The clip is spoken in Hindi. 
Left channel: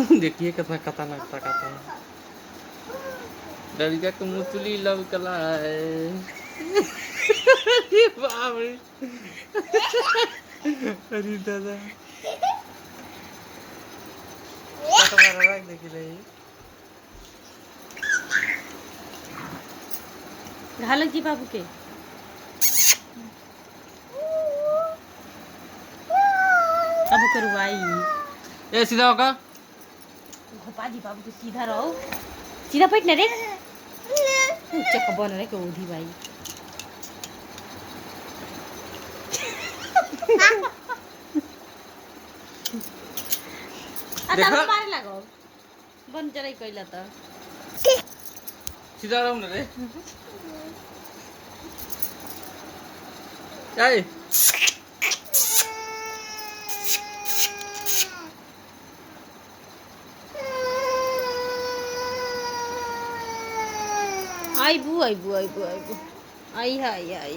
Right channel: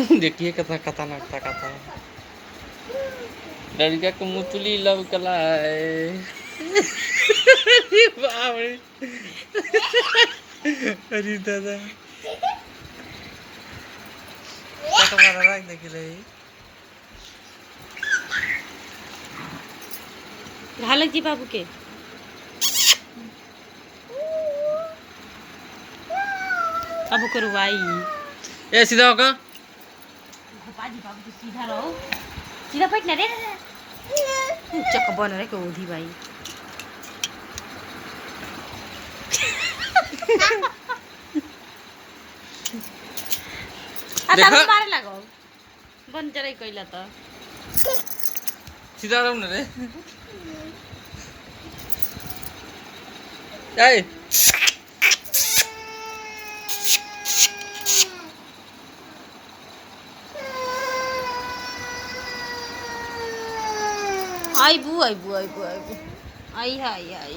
देखिए कितना खतरनाक था कथा। लड़का को मुतली लव कला है। अरे बाप रे। अरे दादा कट मारा रख दे के रही। घालक जी बाबू के अब करवाई ए सीधा होगा। पाजी बाबू तो सीधा रहो, सीधा बैठ ना रे। चक्का बन रहे को उधी भाई। अच्छा मारे लगो बन चले कइला त सीधा रहो ना रे। ए आइबू आइबू आइबू आइबू आई हाय आई।